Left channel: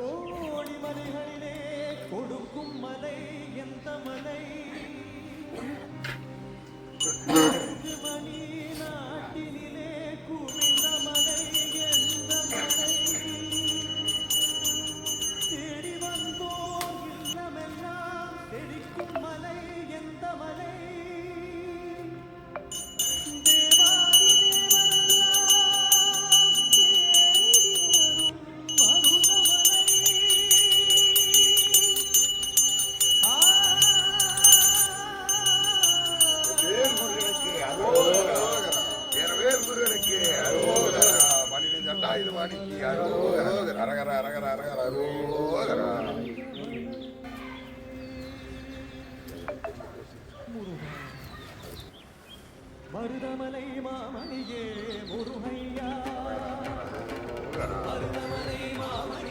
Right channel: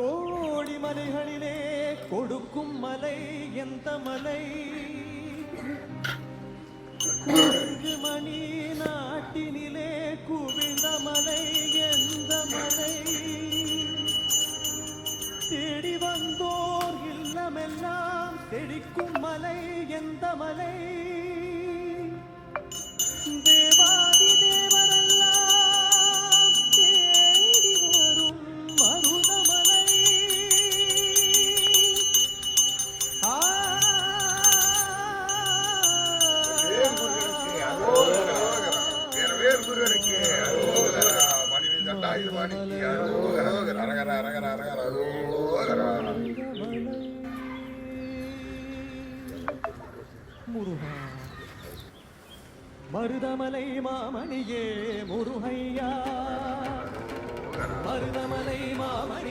கோடி மலைகளிலே கொடுக்கும் மலை எந்த மலை? குரங்கு மணி நாட்டினிலே குவிந்த மலை எந்த மலை? தேடி வந்தோர் இல்லமெல்லாம் செழிக்கும் மலை எந்த மலை? தேவாதி தேவரெல்லாம் தேடி வரும் மருதமலை. முருகா மருதமலை மாமணியே முருகையா, மருதமலை மாமணி